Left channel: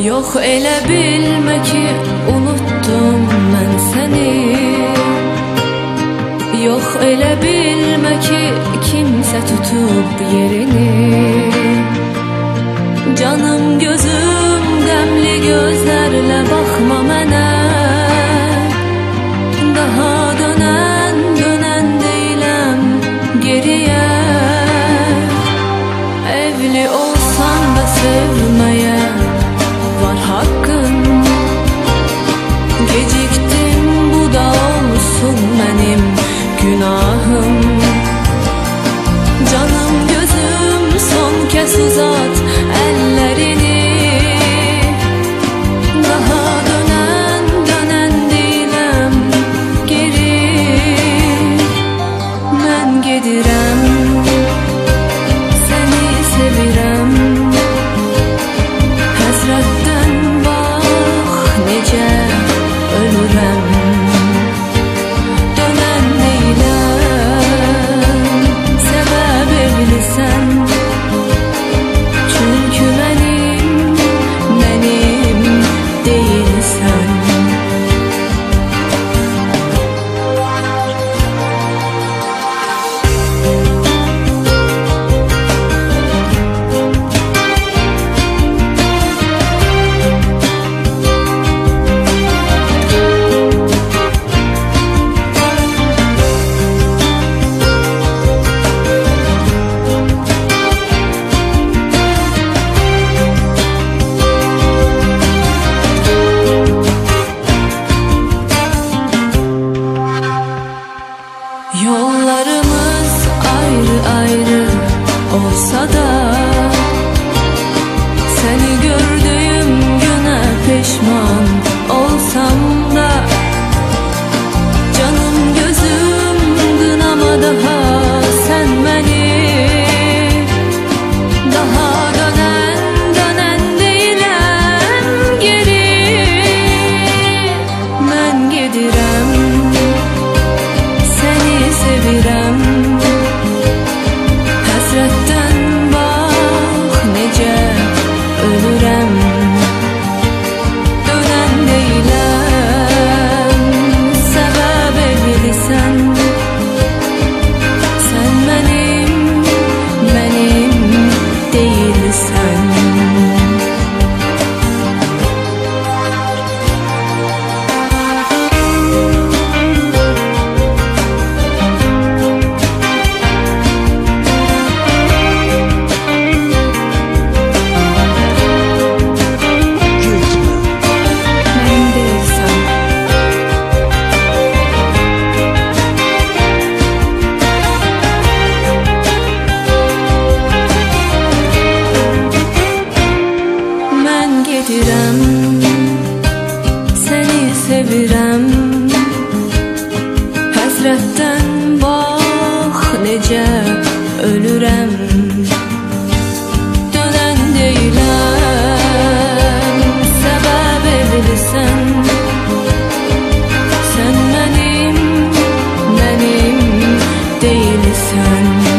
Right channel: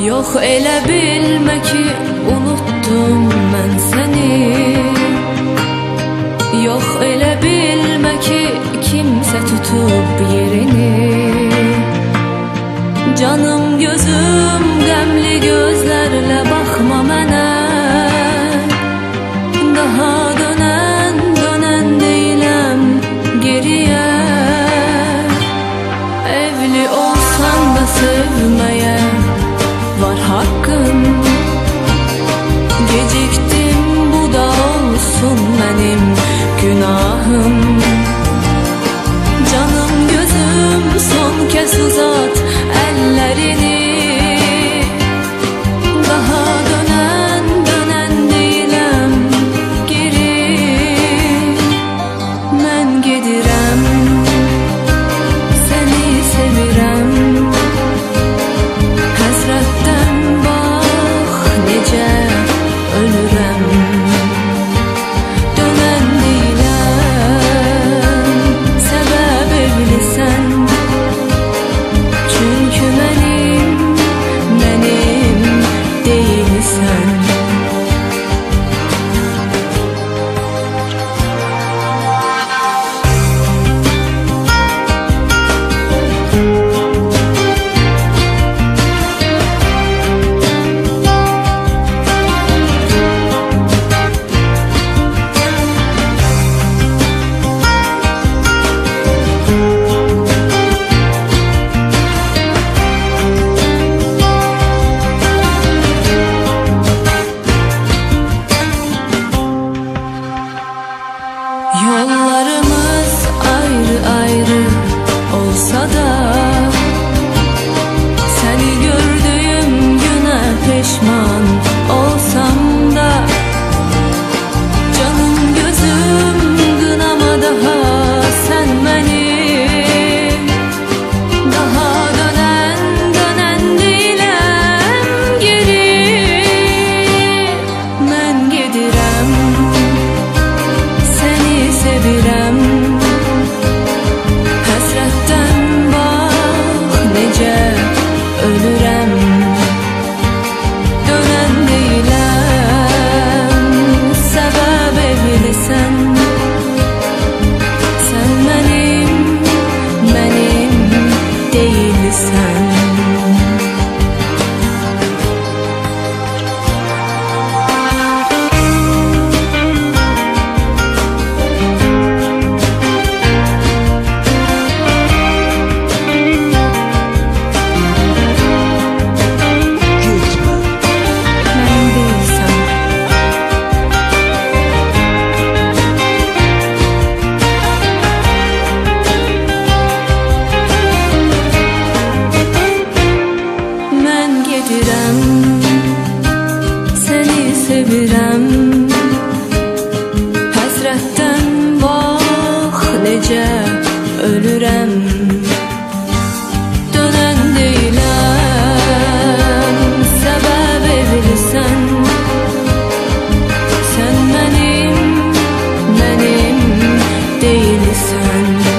Yox elə bilmə ki, unuttum mən səni. Yox elə bilmə ki, kimsə tutub yerini. Canım gözüm qəmli gözlərlə baxma mənə. Daha dönən deyiləm geriyə. Evli olsan da sevməyə var haqqın. Gecikdim, bu da olsun mənim günahım. Canım gözüm son kez uzat əllərini. Daha dönən deyiləm geri. Mən gedirəm, səni sevirəm. Həsrətdən bax necə ölürəm. Dönən deyiləm, səbəb evlisən. Çünki mənim deyilsən. Yollarımız ayrı olsa da, səni gördüyüm günə peşman olsam da, canım gözüm qınama daha sən məni. Daha dönən deyiləm geri. Mən gedirəm, səni sevirəm. Həsrətdən bax necə ölürəm. Dönən deyiləm, səbəb evlisən. Sən mənim deyilsən. Gedirəm, səni sevirəm. Həsrətdən bax necə ölürəm. Dönən deyiləm, səbəb evlisən. Sən mənim deyilsən.